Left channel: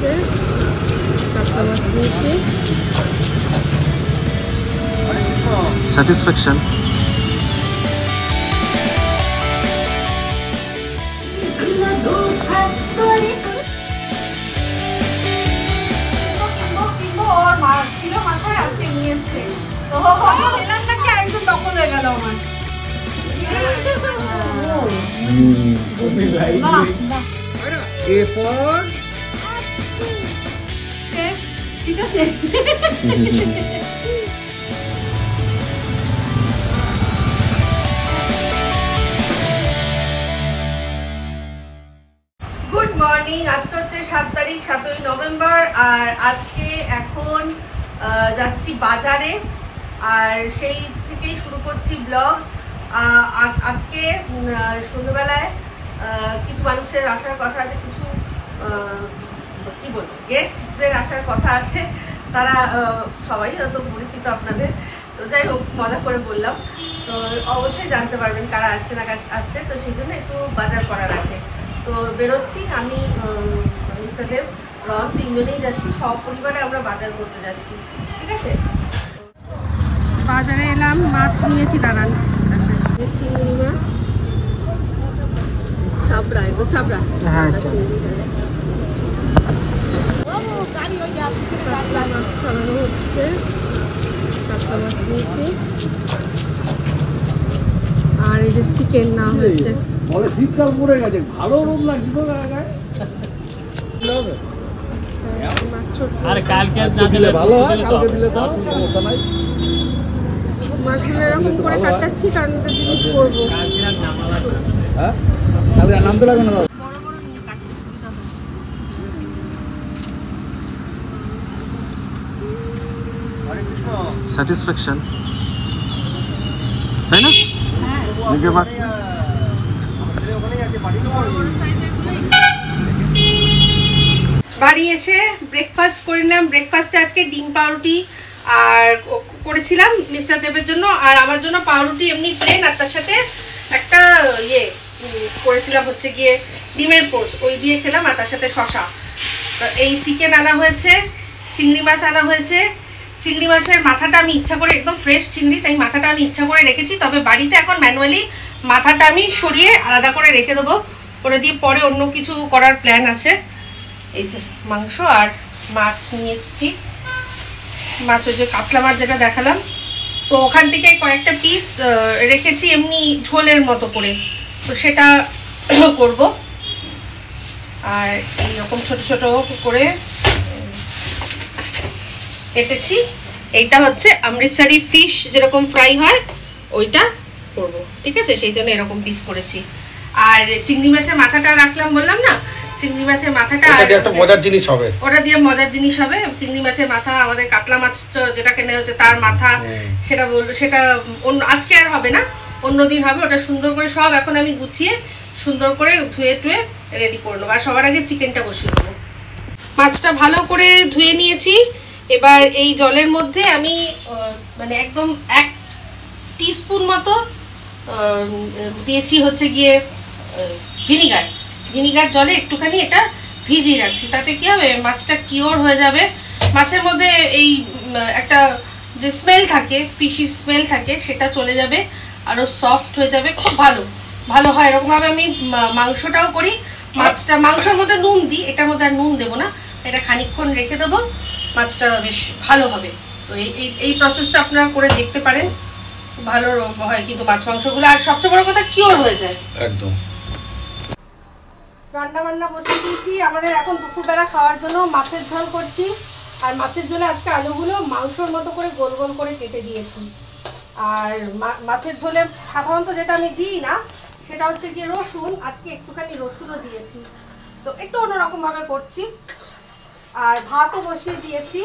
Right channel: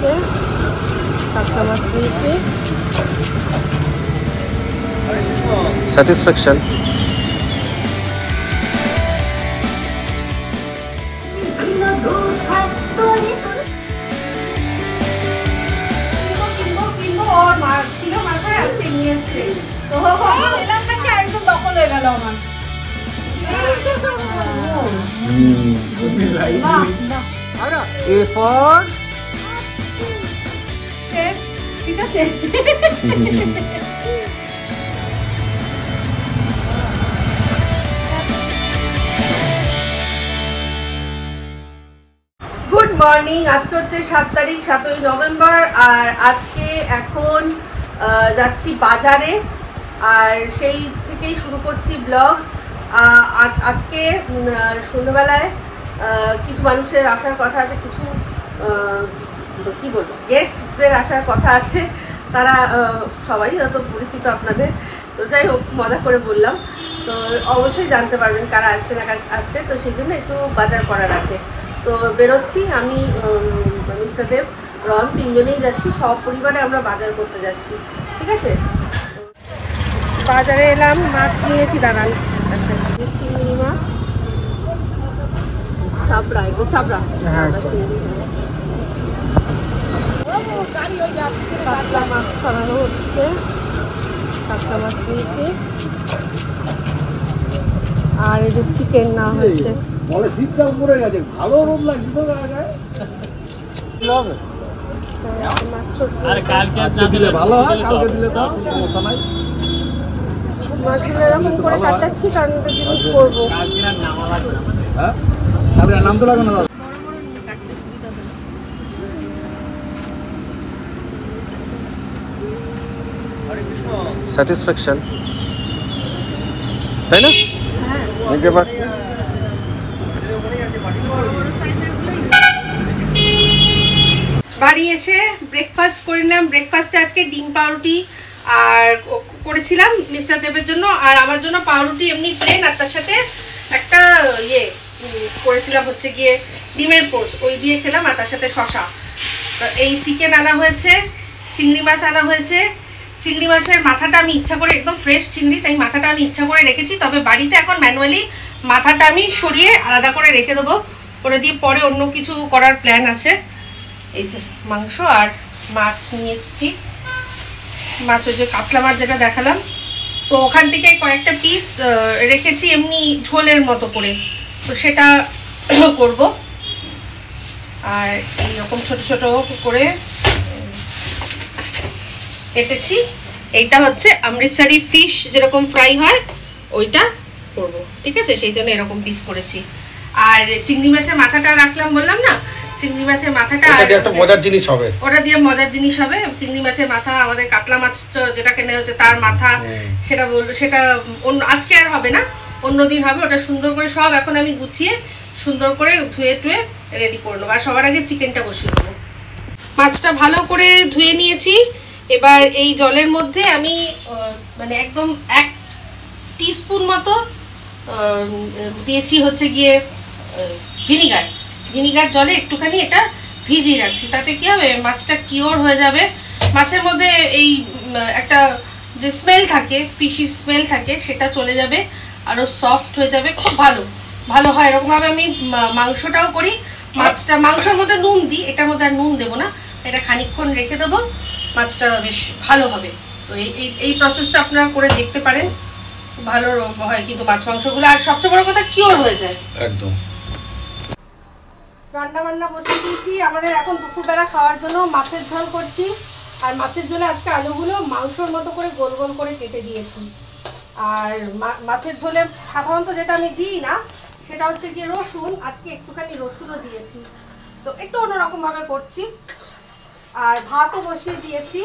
হচ্ছে, কাতলা মাছ নিয়েছি। স্যাটিসফ্যাকশন। ঠিক আছে। Good morning. আজকে হচ্ছে 7 তারিখ, 7ই নভেম্বর। আর আজকে এখন যাচ্ছি বাজারে, আর সেই থেকেই শুরু করছি ব্লগ। আজকে সন্ধ্যাবেলায় কিছু মানুষের আসার কথা আছে, কিছু কি বলবো, গেস্টদের আসার কথা আছে। তারা সবাই হয়তো পরিচিত আপনাদের, তো যাই হোক মজা করে বললাম। তো অবশ্যই জানতে পারবেন কারা আসছে না আসছে, তো সেই জন্য একটু বাজার করার আছে। তো বেরোচ্ছি আমি, মিস্টার দেব, রন, তিনজনেই যাচ্ছি। সব পরিবারে আমরা বাজার করতে যাচ্ছি, ঠিক আছে। বাজারে এলাম, মাছ নিয়েছি, দাঁড়ান। চিংড়ি মাছ, চাবড়া, এগুলো চাবড়া, চিংড়ি। কাতলা মাছ ছাড়ানো হচ্ছে, কাতলা মাছ নিয়েছি। আর এই যে চিকেন না হয়েছে। শীতকাল পড়ে গেছে, ভালো রোদ লাগছে তো জায়গায়। মাছগুলো এরকম করে কাটাচ্ছি কারণ একটা জিনিস করবো। স্যাটিসফ্যাকশন, তাই না? নিতে পারছি না। বাড়ি এসে ব্রেকফাস্ট করে নিলাম। ব্রেকফাস্টে আজকে ডিম পাউরুটি আর করেছিলাম মিস্টার দেবের জন্য, আর আমার জন্য পাউরুটি এমনি প্লেন, আর তার সাথে একটা করেছিলাম হচ্ছে গিয়ে ডিমের পোচ, ওই দিয়ে খেলাম, আর তার সাথে শশা। এই চিকেন আনা হয়েছে, চিংড়ি মাছ আনা হয়েছে। চিংড়ি মাছের মাথাটা আমি ইচ্ছা করে, একদম ফ্রেশ চিংড়ি, তাই মাথাটা আমি ইচ্ছা করে রেখেছি। তবে বাড়িতে এখন ম্যানুয়ালি মাথাটা আমি সরিয়ে আলাদা করে রেখে দেবো, ওটা দিয়ে পরে অন্য কিছু করার প্ল্যান আছে। এই যে মাংস আর মাছ নিয়ে এসেছি। মাছ ওই যে কাতলা মাছ যেটা দেখালাম, তো ওখান থেকে কয়েকটা পিস রেখেছি এমনি ঝোলের মতো করে, তো সেটা করব। আর এইরকম ছোট ছোট করে কেটেছি। এইটা হচ্ছে অমৃতসরি ফিশ, যেরকম ফ্রাই হয় ওইটা করব, ঠিক আছে, সেই জন্য এরকম পিস করেছি। আর চিংড়ি মাছের মাথাটা রাখলাম বললাম না, চিংড়ি মাছের মাথাটা একটা মজার জিনিস হবে, ওটা দিয়ে মজার জিনিস হবে। চিংড়ি মাছের মাথা, আমাদের কাতলা মাছ যেটা কেনা হচ্ছে তার মাথা, সেটা বললো, সেটা অন্য আজকে আর হবে না, অন্যদিন হবে। ওটা সুন্দর করে সব এখন আমি গুছিয়ে সুন্দর করে ধুয়ে টুয়ে রেডি করে নেবো। আর সবার আগে চিকেনটা বসিয়ে দেবো। মাছটা ভালো করে ধুয়ে নিয়েছি। এবার এই জলের মধ্যে আমি মানে একদম 1 টিস্পুন মতো দিয়েছি হচ্ছে গিয়ে ভিনিগার। ভিনিগার জলে একটুখানি এটা ভিজিয়ে রাখছি, তাতে কি হবে, মাছটা কিওর হয়ে যাবে। মাছের মধ্যে এই একটা যে স্মেল থাকে, ফিশি স্মেল থাকে, সেটা চলে যাবে, আরো সফট হয়ে যাবে, খুব ভালো ভালো হয়। এরকমভাবে আমি মাংসটাও করি। মাছটা, মাংসের মধ্যে নুন দিই, এটার মধ্যে আর নুন দেবো না, এটা খানিকক্ষণ রেখে দেবো, মাছটা বেশ ভালো হবে। তো এই প্রসেসটা আপনারা করে দেখতে পারেন, ভালো হয় কিন্তু মাছ মাংসগুলো। আর সবচেয়ে বড় কথা, কিওর হয়ে যায় একদম। রান্না বান্না বসিয়ে দিয়েছি। আমাদের এখন দুপুরবেলা খাওয়ার জন্য মাছের ঝোল করছি। আর মাছের ঝোলে আজকে আলুগুলো মাংসর মতো করে গোল গোল করে কেটে দিয়েছি। আর মাছের ঝোলে সাধারণত যেটা আমি দিই না, সেটা হচ্ছে গিয়ে রসুন। আজকে একটুখানি রসুনও দিয়েছি, তো একটু অন্যরকম ভাবে করছি। আর ভাতও বসিয়ে দিয়েছি।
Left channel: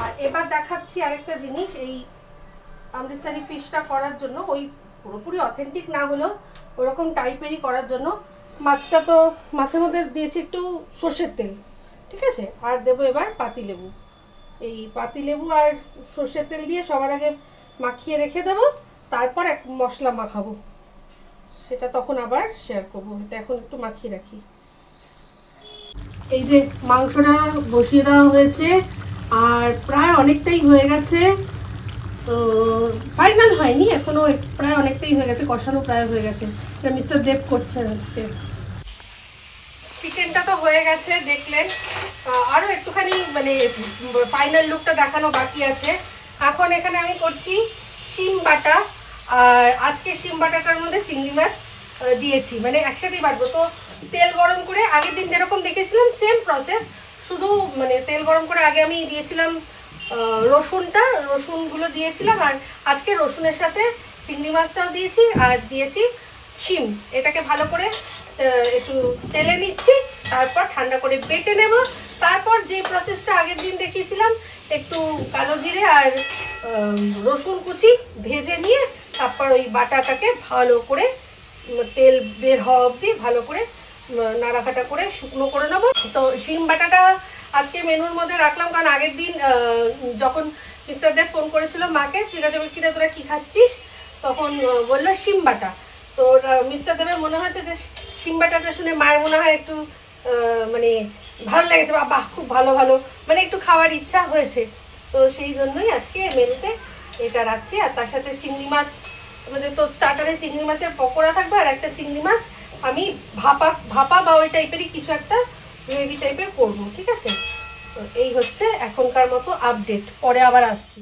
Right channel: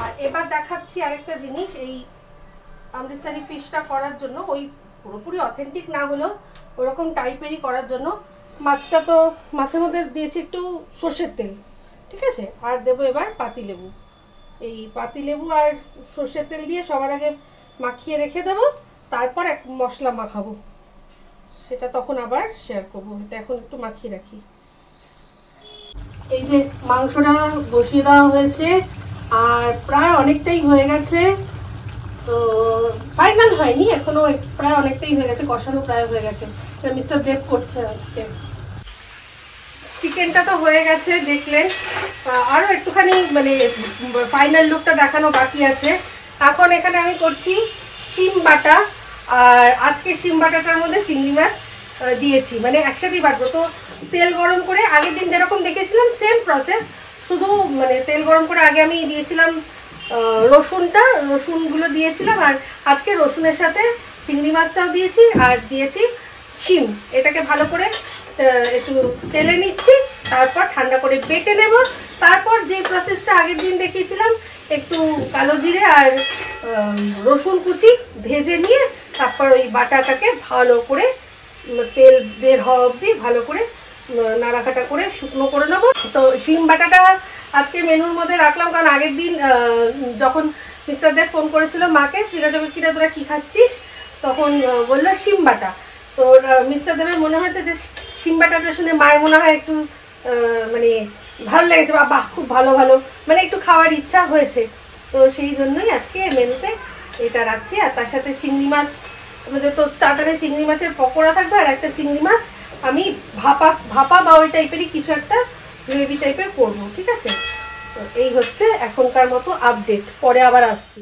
আর এবার দেখাচ্ছি আরেকটা জিনিস, এই অমৃতসরি ফিশটা করার জন্য, ওই পুরোপুরি অথেন্টিক না হলেও ওরকম টাইপেরই করার জন্য মাছটা, তো মাছের মধ্যে দিয়েছি একটু সর্ষের তেল, ঠিক আছে। আর দেবো এবার পাতিলেবু। এই পাতিলেবু আর সর্ষের তেল দিয়ে সবার আগে মাখিয়ে রেখে দেবো, তারপর এক মশলা মাখাবো, সেটা তখন আবার শেয়ার করবো। এটা এখন একটু মাখিয়ে রাখি। এই যে মাংসটা বসিয়ে দেওয়া হয়েছে আর প্রায় অনেকটাই হয়ে গেছে, তো ফাইনাল হয়নি এখনো, প্রায় অনেকটাই হয়ে গেছে, কষানো প্রায় হয়ে গেছে। মিস্টার দেব করছে আজকে। চিকেনটা তো হয়ে গেছে দেখলেন, আরো একটুখানি মানে ফাইনাল লুকটা দেখানো বাকি আছে। এখন এখানে আমি করছি শিম বাটা, আর আজকে শিম বাটাটার মধ্যে চিংড়ি মাছ দিয়েছি, মানে একসাথেই বাটবো। তো তেল গরম করে আগের দিন যেরকম দেখেছিলাম সেম প্রসেস, শুধু মানে তেল গরম করে আগে আমি দিয়েছিলাম রসুনগুলো দিয়েছিলাম, আর আজকে রসুনের সাথে চিংড়ি মাছটাও দিয়েছি আর দিয়েছি শিম। এটাকে ভালো করে একটু তেলে নিচ্ছি, তারপর ঠান্ডা করে বেটে নেব। তারপর যে প্রসেসটা আগের দিন দেখিয়েছিলাম, একটু কালো জিরে আর রসুন কুচি ভেজে নিয়ে তারপর ওই বাটাটাকে ভালো করে তেল বের হওয়া অবধি ভালো করে নাড়াকাটা করে শুকনো করে নেবো। তো শিম বাটাটা আজকে মেনুর মধ্যে রাখলাম, কারণ আগের দিন যখন মিস্টার দেব ফোন করেছিল মাকে, কিরা তোরা কি খাচ্ছিস, তখন বললো শিম বাটা। তো মিস্টার দেবের মনে হয়েছে যে শিম বাটাটা শুনে মায়ের মনে হয় একটু মানে ভালো লেগেছে, বাহ খুব ভালো মানে একটু খাওয়ার ইচ্ছা হয়েছে। তো সেই জন্যই আজকে মেনুতে এটা রাখছি। আর তার সাথে চিংড়ি মাছ, আমাদের তো স্টার্টারে চিংড়ি মাছের পকোড়া থাকবে, আর একটা চিংড়ি মাছ আমি ভাপা বা ওই টাইপেরই কিছু একটা গ্রেভি টাইপের করবো, ঠিক আছে। তো এই হচ্ছে এখনকার মতো আপডেট, পরে আবার আসছি।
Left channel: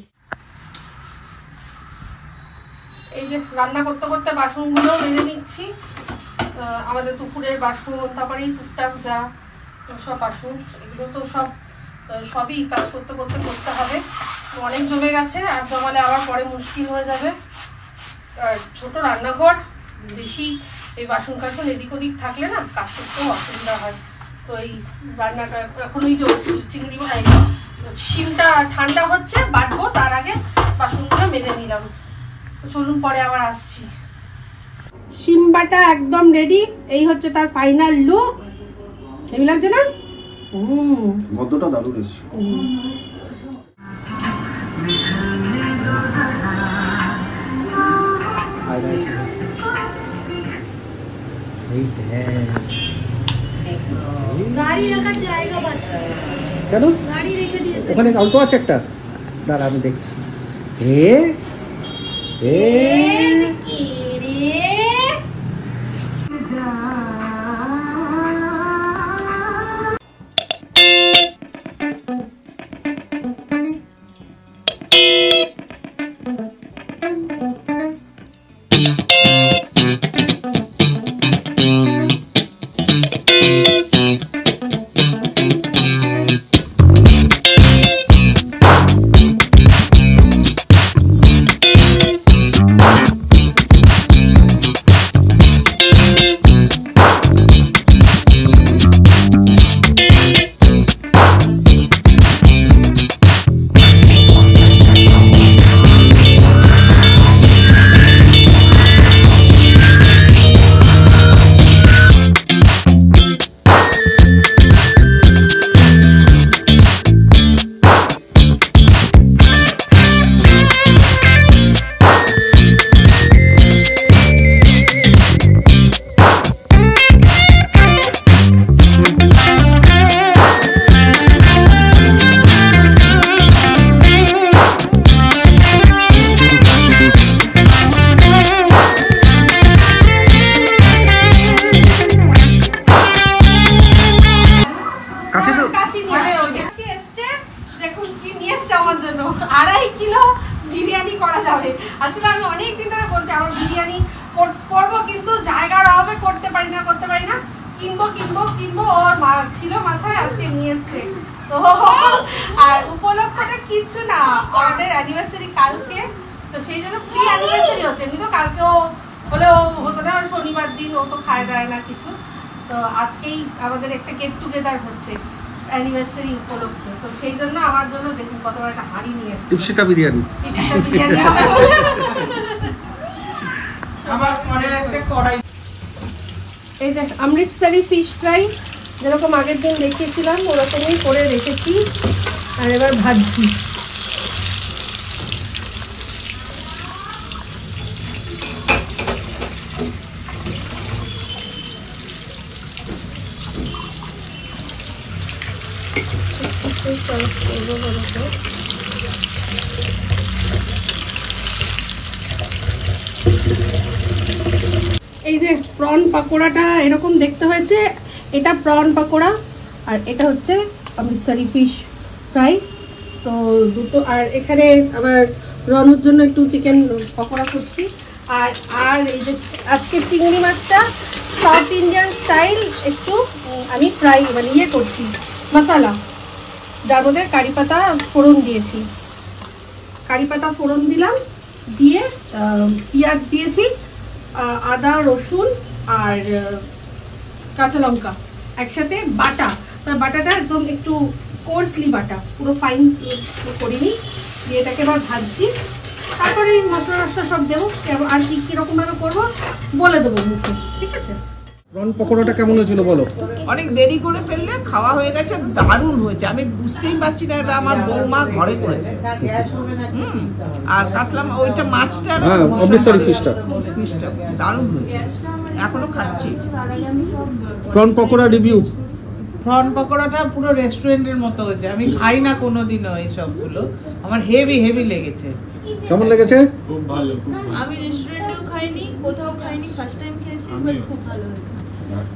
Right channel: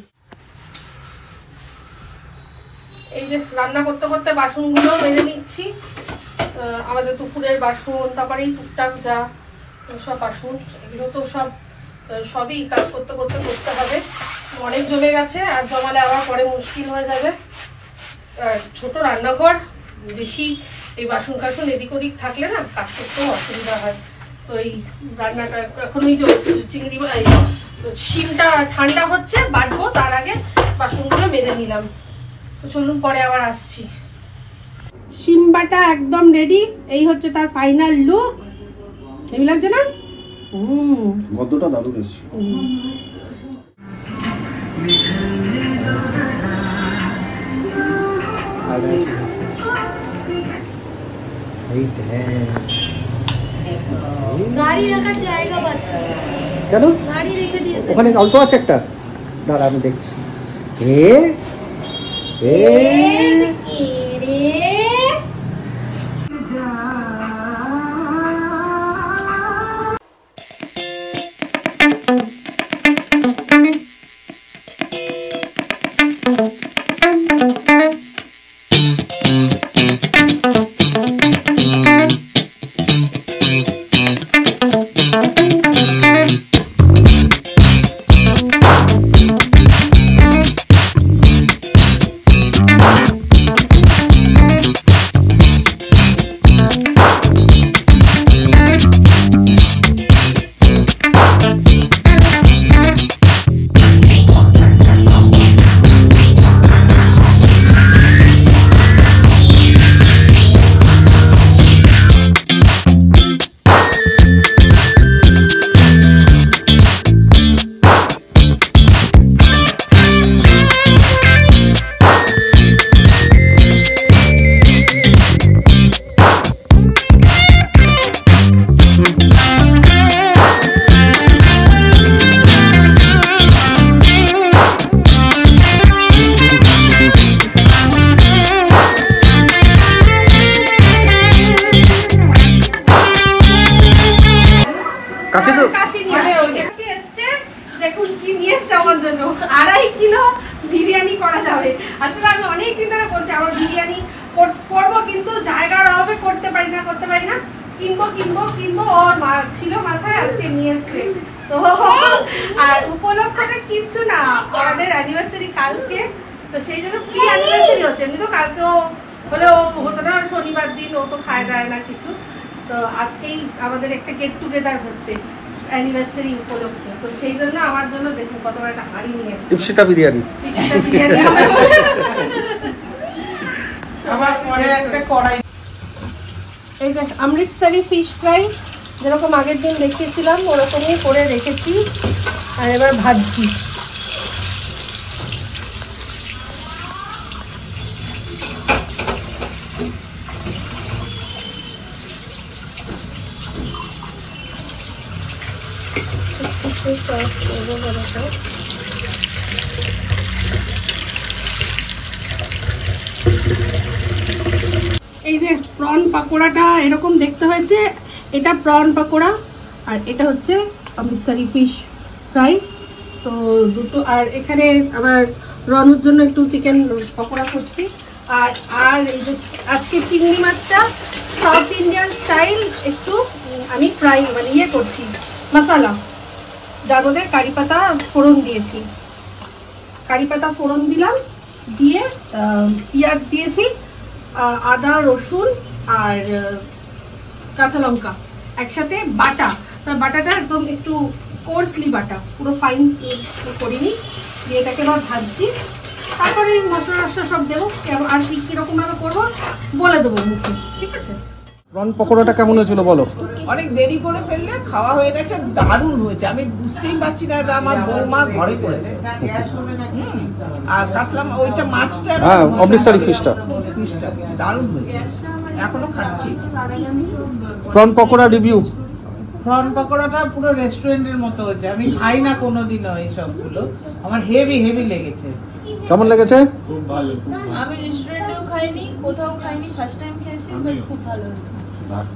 এই যে রান্না করতে করতে বাসনগুলো মেজে নিচ্ছি, আমাদের দুপুরের বাসন, তারপরে এই টুকটাক যা সব বাসন, এগুলো তো সবই কাজ করতে করতে করতে হবে। অনেক জমে গেছে, আর জমালে আবার পরে মুশকিল হয়ে যাবে। আর ছোট রান্নাঘর, বেশি এই বাসন কাসন এদিক ওদিক থাকলে না কাজ করতেও অসুবিধা হয়। তো এই রান্নাটা এখন এই যে চিংড়ি শিমটা ঠান্ডা হচ্ছে, বাটবো, তার আগে বাসনগুলো মেজে নিলাম। তো চলুন পরে আবার আসছি। শিম বাটা একদম রেডি, এই হচ্ছে তার ফাইনাল লুক। হেভি লাগছে না? মধ্যটা দারুণ এসছে। গাড়ি রাখার জায়গা পাচ্ছে কেন? গাড়ি রেখে দিয়েছে ওখানে অল্প আছে একটা, দাঁড়া আমি দেখছি। দেখুন কি নিয়ে এসছে আমার জন্য, 2.5 কিলো বিরিয়ানি করা যাবে। আসলে আমি অনেকদিন ধরে বলছি আমার বিরিয়ানি করবো, কিন্তু জায়গার অভাবে করতে পারি না। কিনবো ওর মা ছিল মাথায়, আজকে নিয়ে এসছে। তো আর উপলক্ষটা কিচ্ছু না, আমাদের অ্যানিভার্সারি কালকে, তো সেই জন্য প্রি অ্যানিভার্সারি হচ্ছে। এমনি তো কালকেও হলেও হতো না, শনিবার দিন ও তো খায় দেয় না কিছু। তো আজকেই আমাদের একটা গেট টুগেদার হচ্ছে অ্যানিভার্সারি উপলক্ষে, তো সেই জন্য আমার জন্য দেখুন কত বড় একটা হাড়ি নিয়ে এসেছে। ইপসিটা বিরিয়ানি। আবার পরে একটা কড়াই। এই যে অমৃতসরি ফিশ ফ্রাই, যেরকম আগের দিন দেখিয়েছিলাম ওরকমই করে রেখেছি, আর এবার ভাজছি। এই যে প্রন পাকোড়াটা এরকম দেখতে হয়েছে, এটা প্রন পাকোড়া আর এটা হচ্ছে অমৃতসরি ফিশ ফ্রাই। তো দুটো, আর এখানে আবার রনুর জন্য একটু চিকেন পকোড়া করছি। আর আর এই যে আজকে চিংড়ি মাছটা সাউথ ইন্ডিয়ান স্টাইল একটু আমি ফ্রাই মানে ইয়ে করছি মশলা, যার মধ্যে কারি পাতা ফোড়ন দিয়েছি। কারি পাতা ফোড়ন দিলাম, দিয়ে পেঁয়াজ দিয়েছি, আদা রসুন আর কাঁচা লঙ্কা একসাথে বাটা। বাটাটা একদম একটু কোর্সলি বাটা, পুরো ফাইন করিনি। দিয়ে এটাকে আবার ভাজছি, তারপরে মশলা টসলা সব দেবো। আর কি কিরকম ভাবে করবো বলে দেবো মুখে, ঠিক আছে? প্রন পকোড়াটা কেমন হয়েছিল বলো? অনেক দেরি করে ফেললে, খাওয়া হয়ে গেছে, দারুণ হয়েছে। আমি বুঝতেই পারছি না এটা আমার বৌমা ঘরে করেছে। আর কাতলা ওইটা মাছটা, হ্যাঁ অমৃতসরি ফিশটা দারুণ হয়েছে, এখনো খাচ্ছি। Prawn pakora review. প্রন পকোড়াটা পুরো রেস্টুরেন্টের মতো হয়েছে। আমি খাই না কোনোদিনও এই সবগুলো, আমার হেভি হেভি লেগেছে। কেমন লেগেছে? আমি রেস্টুরেন্টেও খাইনি, কোথাও খাইনি, ফার্স্ট টাইম খেয়েছি, বাট খুব ভালো হয়েছে।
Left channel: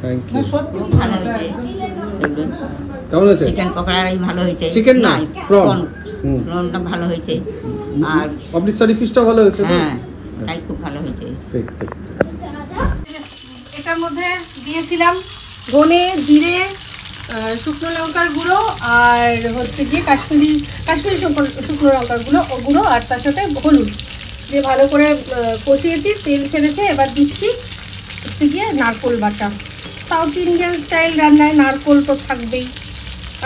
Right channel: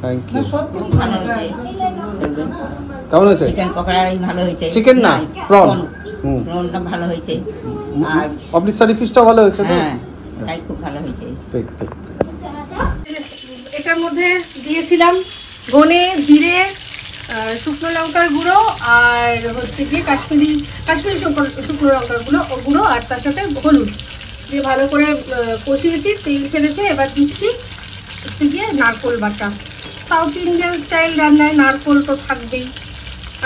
থ্যাংক না ইউ। সত্যি ভালো হয়েছে। কেমন হয়েছে? চিকেন পকোড়াই ভালো হয়েছে। চিকেন না, প্রন। প্রনটা ভালো হয়েছে। আর অমৃতসরি ফিশটা ভালো হয়েছে তো? হ্যাঁ, তাই খুব ভালো হয়েছে। ঠিক ঠিক। এটার মধ্যে দিয়েছিলাম ধনে, জিরে, শুকনো লঙ্কার গুঁড়ো আর হচ্ছে গিয়ে কাশ্মীরি শুকনো লঙ্কার গুঁড়ো আর তার সাথে হলুদ দিয়ে ভালো করে কষিয়েছি, তেল ছেড়েছে। এবার দিচ্ছি হচ্ছে গিয়ে নারকোল বাটা। সাউথ ইন্ডিয়ান স্টাইল রান্নায় নারকোল তো থাকবেই।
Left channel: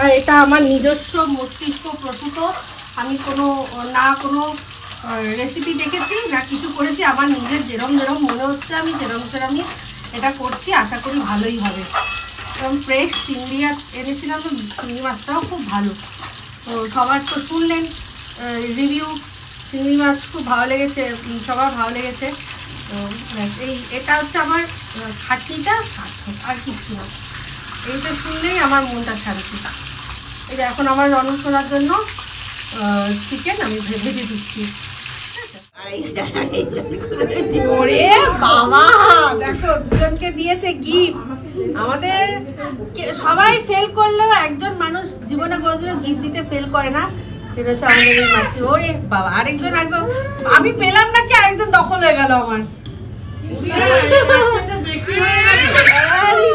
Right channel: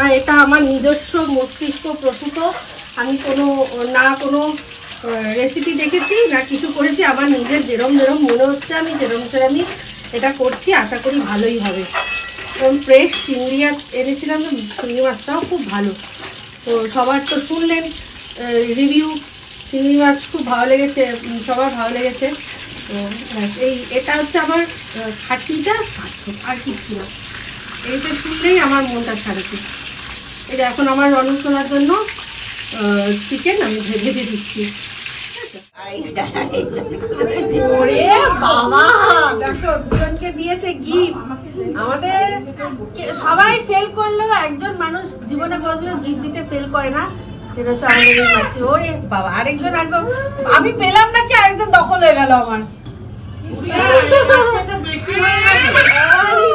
আর এটা আমার নিজস্ব মস্তিষ্ক প্রসূত, আমি কোনো রেসিপি দেখেছি না কিছু করেছি, আমার নিজের যেরম মনে হচ্ছে আমি সেরমই এটা করছি। আশা করি ভালোই হবে। এবং ফ্রেশ চিংড়ি এনেছিলাম, চিংড়ি মাছটাও খুব ভালো। তো সবার তো শুনলেন রিভিউ, চিংড়ি মাছ খুব ভালো লেগেছে, সবার ভালো লেগেছে। তো এটা হচ্ছে আমার খাটনিটা সার্থক, আর কিছু না। এইটা শুনলেই আমার মনটা শান্তি। এই যে এখন আমার রণসোলার জন্য চিকেন আমি ভেজে দিচ্ছি। ওরে বাবা, দেখো দুজনকে দিয়েছে গিফট। আমাদের সবাই ফেল করলেও একজন মানুষ জীবনে কোনোদিনও গিফট দিতে ফেল করে না, সেটা হচ্ছে আমাদের এই মাসি। ওরে বাবা, আরেকজন একদম আমি পেলাম নাকি আরেকজন দখল হয়ে গেল আমার।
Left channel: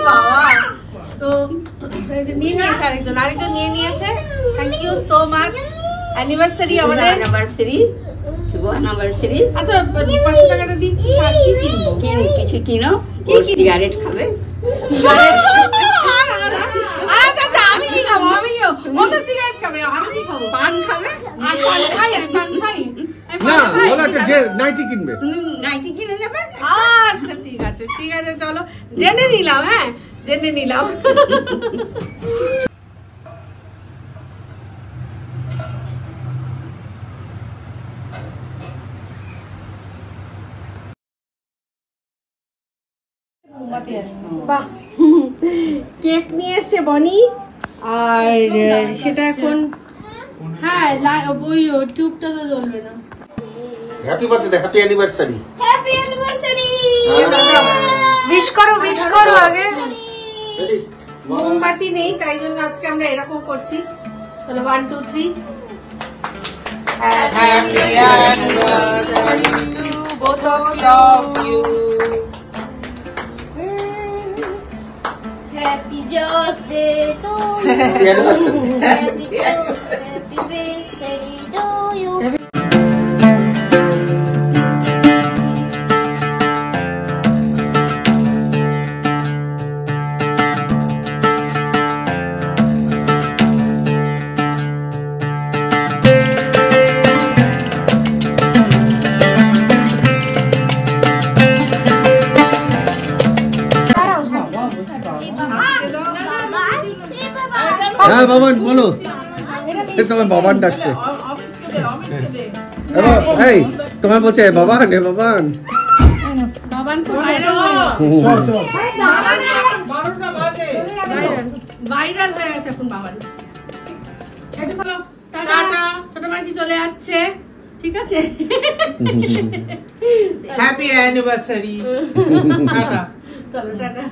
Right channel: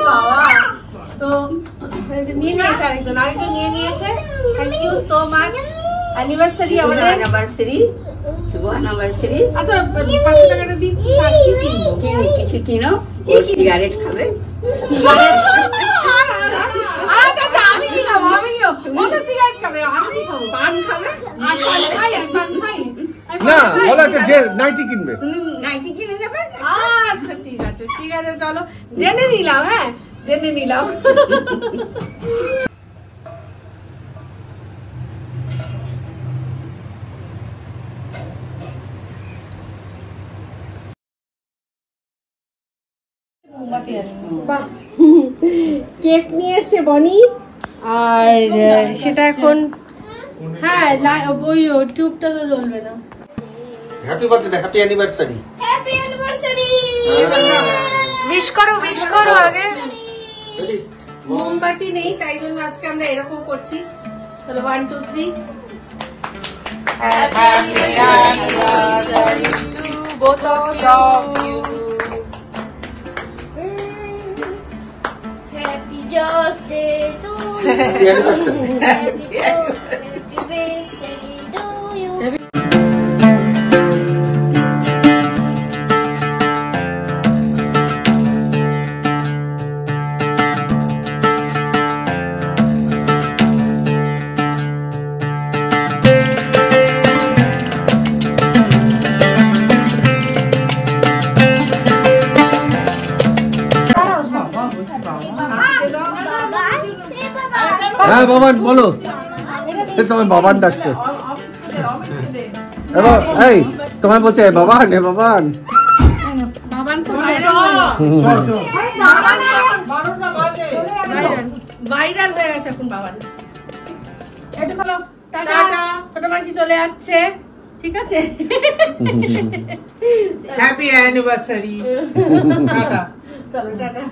বাবা, তো নিয়ে নিয়েছে আরেকজন নিয়ে নিয়েছে। Thank you so much. Anniversary আমাদের, অ্যানিভার্সারি, শুভ অ্যানিভার্সারি। আচ্ছা 500 টাকাটা দিই, কিছু কিনো, সিগারেট খাবে। আমি কি খাবো? ও তো সিগারেট খাবে, আমি কি খাবো? পান খাবে? আর পান খাই। না বলো একটা যে নাইটি কিনবে। তুমি নাইটি কিনে নেবে? আচ্ছা ঠিক আছে চলো, জেনে নিলাম। হ্যাঁ জেনে নিলাম। বাহ, কেক নিয়ে এসছে বনি, আর সেটা এখন হ্যাঁ ওই টিউবটা তো জ্বলবে না। Happy birthday, happy anniversary. Happy anniversary. Wish করো আগে। মোমবাতি নেই, তাই জন্য আজকে আমরা এরকম করছি। তাহলে 1 2 3। Happy anniversary to both of you. Happy birthday to happy anniversary. Happy anniversary to you. হ্যাঁ বাবান বলো, তোমার বাবান ডাকছে। এই তোমার বলছে বাবান, বাবান তো ভাইরাল হয়ে গেছে এখন বাবান। এটা চলো, টাটা। ছোট মাসি চলে যাচ্ছে, ঠিক আছে? Happy anniversary. টাটা। চলো টাটা।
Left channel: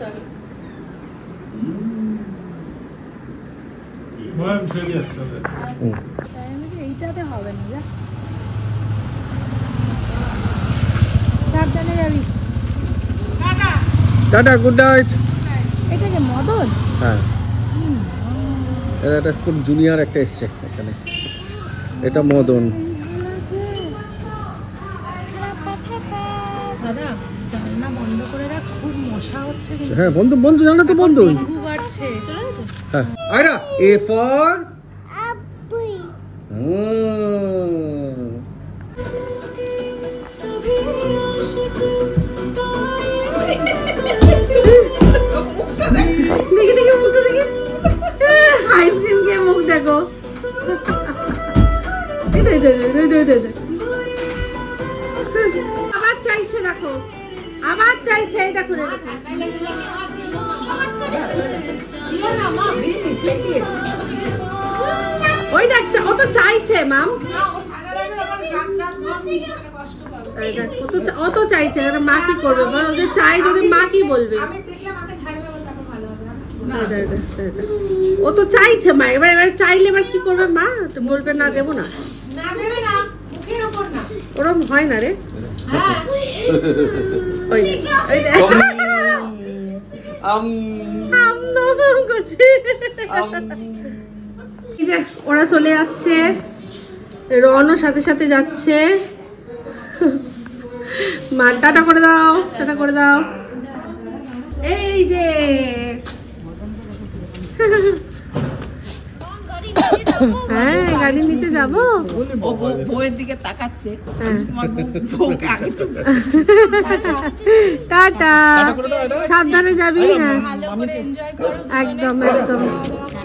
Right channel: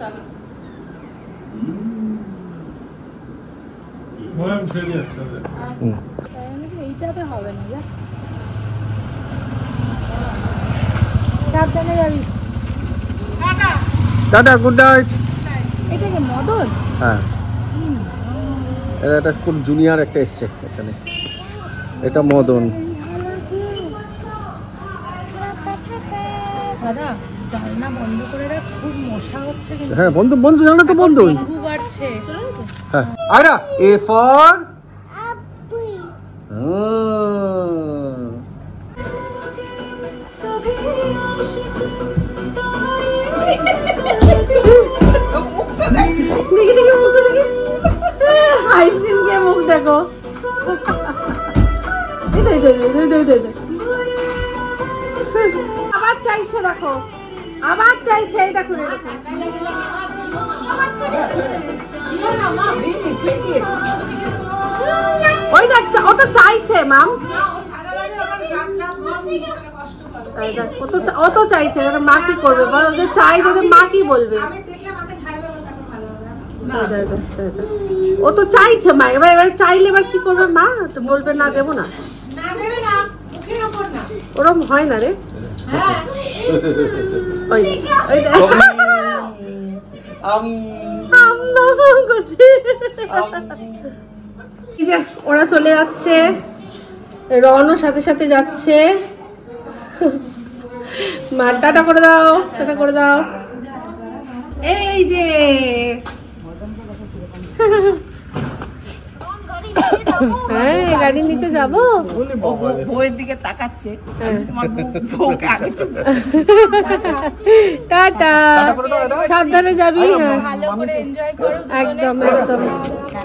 চলো। এইটাতে হবে না যা। সাবধানে যাবি। Tata, good night. এটা কি মদন? হ্যাঁ, এটা একটা কোন জুনিয়র একটা এসছে এখানে, এটা মদন। দাদা জানলা বন্ধ করে রাখ, খুব মশা হচ্ছে কিন্তু। হ্যাঁ, বন্ধ বন্ধ, জানা তো বন্ধ। ডেঙ্গু বাড়ছে। চলে গেছে? হ্যাঁ, আয়রা, এ ফর দেখি দেখি মুখটা দেখি, আইসক্রিম খেয়ে মুখ দেখো। আবার চাইছে, দেখো আবার চাইছে, এই দেখো দেখো। ওই দেখ, ও তো চাইছে মাম, ও তো চাইছে, মা কি করবে বল? ও যে চাই, যদি মা কি বলবে? ও তো চাইছে মা, এবার এবার চাইলে এবার কি করবে মা? তো বলবে না, দেবো না, ওরকম হয় না রে। ওরা চলে যাচ্ছে, রনও সাথে সাথে যাচ্ছে। মা টাটা করে দাও, টাটা করে দাও। এই যে হ্যাঁ, গাড়ি নিতে যাবো। বউয়ের দিকে তাকাচ্ছে, টাটা, সাবধানে যাবি। হ্যাঁ, একদম একদম।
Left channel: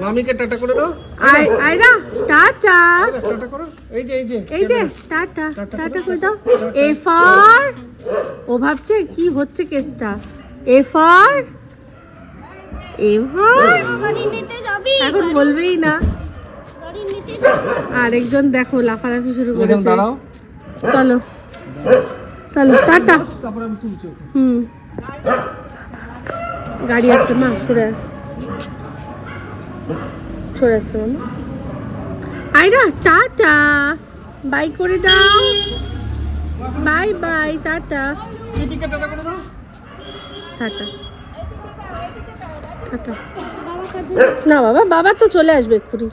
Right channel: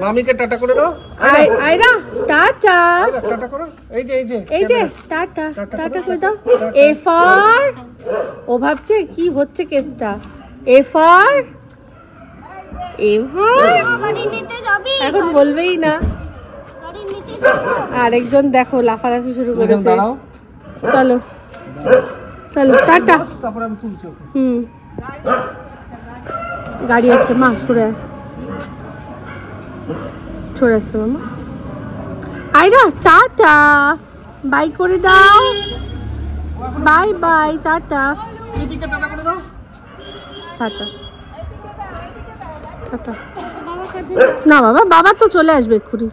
মামিকে টাটা করে দাও। আয়রা টাটা, টাটা করো। এই যে এই যে টাটা, টাটা করে দাও। এ ফর, ও ভাবছে কি হচ্ছে কেসটা। এ ফর, এ ফর, এখন বলবেই না। আরেকজন দেখো লাফালাফি শুরু করেছে। চলো চলো টাটা। গাড়ি আসছে মা, সরে সরে আসছে মামা। আয়রা টাটা, বাই করে দাও। Bye bye, tata tata tata. না বাবা, বাবা তো চলে আসবে এক্ষুনি।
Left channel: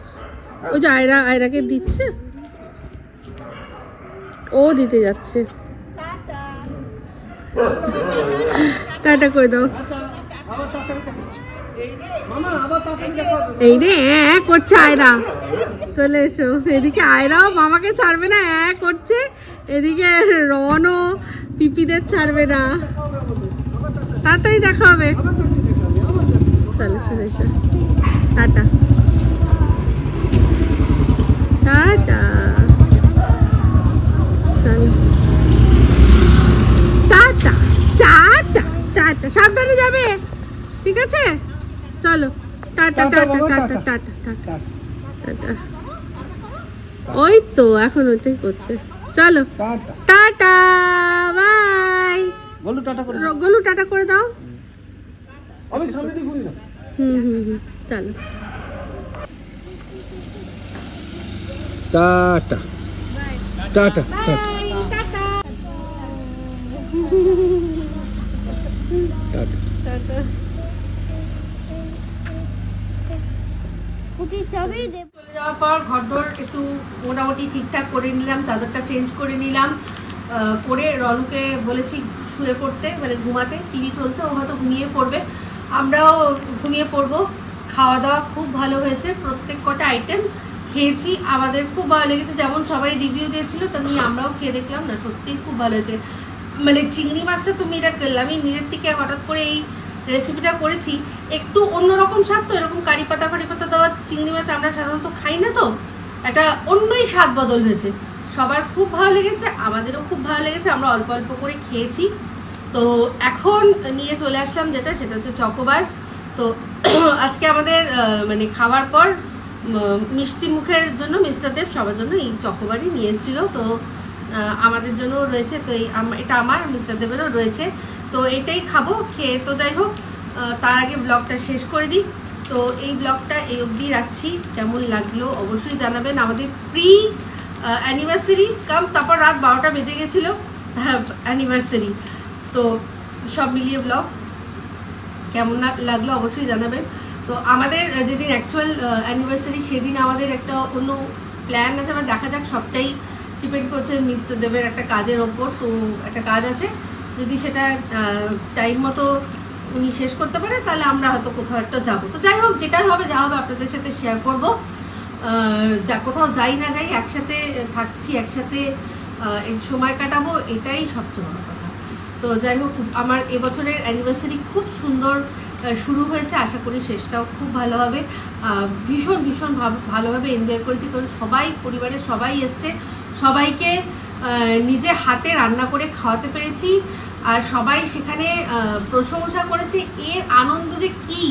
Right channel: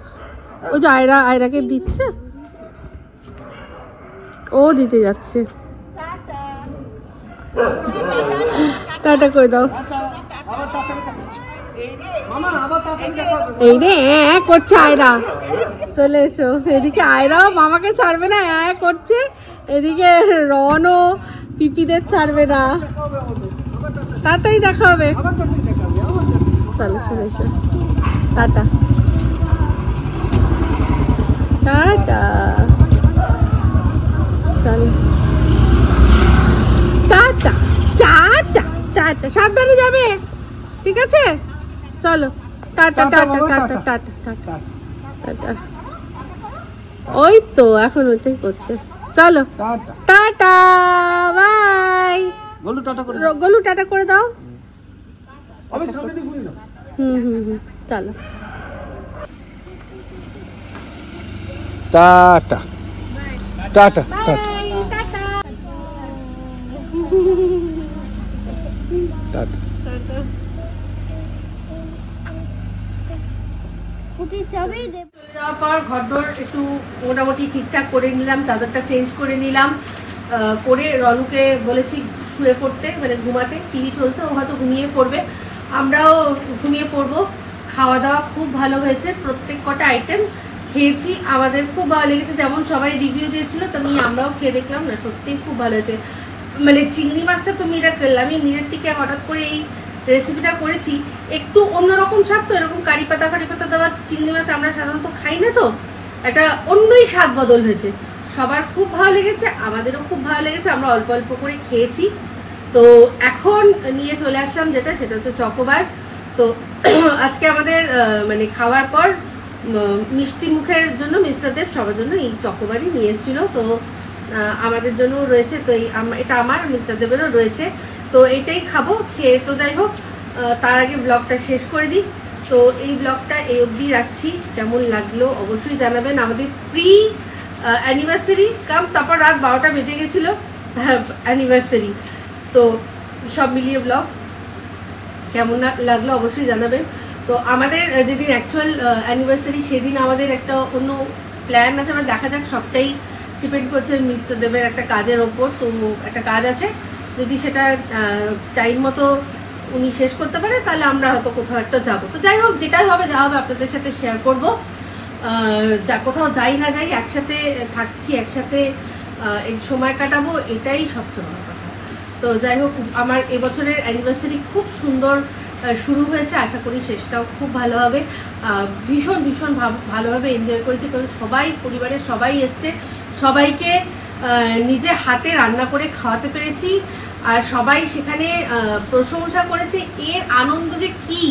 ওই যে আয়রাকে দিচ্ছে, ও দিতে যাচ্ছে। টাটা করে দাও। এই রে করছে আয়রা, চলে এসো এদিকে। আয়রাও মামাকে ছাড়বে না, করছে এদিকে। রনও পিপিদের ছাড়বে না, তাড়াতাড়ি দেখা হবে। চলো চলে এসো, টাটা টাটা। চলো টাটা টাটা টাটা, সাবধানে যাবে, ঠিক আছে? চলো tata tata tata tata tata tata. ওই তো এখন ওইটাই করছে। চলো টাটা, বাই। গোলু টাটা করে দাও। চলো tata tata tata tata. Scooty চাবি দে। চলে যাওয়ার পর ঘরদোর একটু মোটামুটি ঠিকঠাক করে নিলাম, চাদরটা চেঞ্জ করে নিলাম, করে রনুকে বলেছি শুয়ে পড়তে, মানে ঘুমাতে। টিভি চলছে, ও হয়তো ঘুমিয়ে পড়বে, আমরাও ঘুমিয়ে পড়বো। খাওয়া দাওয়া খুব ভালো হয়েছে, প্রত্যেক কটা আইটেম খেয়েছি, আমাদের খুব ভালো লেগেছে। যেমন সবাই রিভিউ দিয়েছিল তেমনি আমরাও খেয়ে দেখলাম, না সত্যিই খুব ভালো হয়েছে। মানে চিংড়ি মাছটা তো মিরাকেল। আমি নিজের থেকে হঠাৎ করে এই রেসিপিটা করেছি, একটু অন্যরকম স্বাদ তো। এরকম কারি পাতা দেওয়া চিংড়ি মাছ আমরা সাধারণত খাই না, তো একটা অন্যই স্বাদ বদল হয়েছে। সবার খুব ভালো লেগেছে, আমাদেরও খুব ভালো লেগেছে। আমরা অল্প অল্প করে খেয়েছি। তো এখন নিয়ে চলে আসলাম যেটা, সেটা হচ্ছে চকোবার। তো আজকে আমাদের মানে খাওয়ার পর মিষ্টি মুখের জন্য মিস্টার দেব সবার জন্য এই চকোবারি নিয়ে এসেছিল। তো আমাদের জন্য রয়েছে, তো এটা আমার মিস্টার দেবেরও রয়েছে, তো এটাই খাবো। খেয়ে তো যাই হোক, তার আগে ব্লগটা শেষ করে দিই। তো এই ব্লগটা এই অবধি রাখছি, কেমন লাগলো অবশ্যই জানাবেন। আমাদের প্রি অ্যানিভার্সারি কাম, তারপর রাত 12টা বেজে গেছিল অ্যানিভার্সারি, তো সব মিলিয়ে ব্লগ কেমন লাগলো অবশ্যই জানাবেন। তো আমাদের যেদিন অ্যাকচুয়াল অ্যানিভার্সারি সেদিন আমাদের একটা অন্য প্ল্যান আছে, আমরা দেখা যাক, সবটাই ডিপেন্ড করছে মিস্টার দেবের একটা কাজের ওপর। তো একটা কাজ আছে, যদি সেটা টাইম মতো উনি শেষ করতে পারে তাহলে আমরা হয়তো কোথাও একটা যাবো। তো যাই হোক, যেটাই হবে যা হবে আপনাদের সাথে শেয়ার করবো। যা কোথাও যাই না যাই, একসাথে থাকছি, একসাথে এই সময় কাটাবো, এটাই সবচেয়ে বড় কথা। তো যাই হোক, আমার এবছরের অ্যানিভার্সারি খুব সুন্দর শুরু হয়েছে, আশা করি শেষটাও খুব ভালো হবে। ভীষণ ভীষণ ভালোভাবে এনজয় করেছি, কারণ সবাই, পরিবারের সবাই এসছে, সবাইকে নিজে হাতে রান্না করে খাওয়াতে পেরেছি, আর সবাই সেখানে প্রশংসা করেছে। এর আনন্দ যে কি,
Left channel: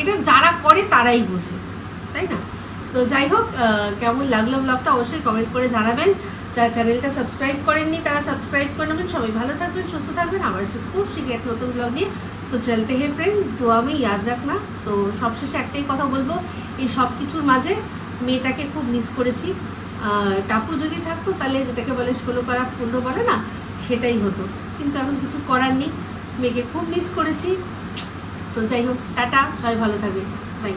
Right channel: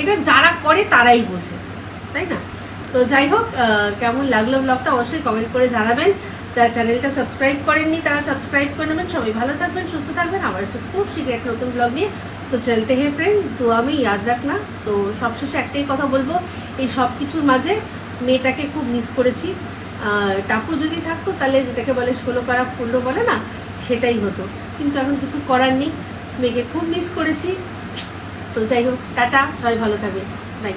এটা যারা করে তারাই বোঝে, তাই না? তো যাই হোক, কেমন লাগলো ব্লগটা অবশ্যই কমেন্ট করে জানাবেন। যারা চ্যানেলটা সাবস্ক্রাইব করেননি তারা সাবস্ক্রাইব করে নেবেন। সবাই ভালো থাকবেন, সুস্থ থাকবেন, আবার এসে খুব শীঘ্র এক নতুন ব্লগ নিয়ে। তো চলতে হে ফ্রেন্ডস, দুয়া में याद रखना। তো সবশেষে একটাই কথা বলবো, এই সব কিছুর মাঝে মেয়েটাকে খুব মিস করেছি। টাপু যদি থাকতো তাহলে যেটাকে বলে 16 কারা ফুল বলে না, সেটাই হতো, কিন্তু এখন কিছু করার নেই, মেয়েকে খুব মিস করেছি। তো যাই হোক, টাটা, সবাই ভালো থাকবে, বাই।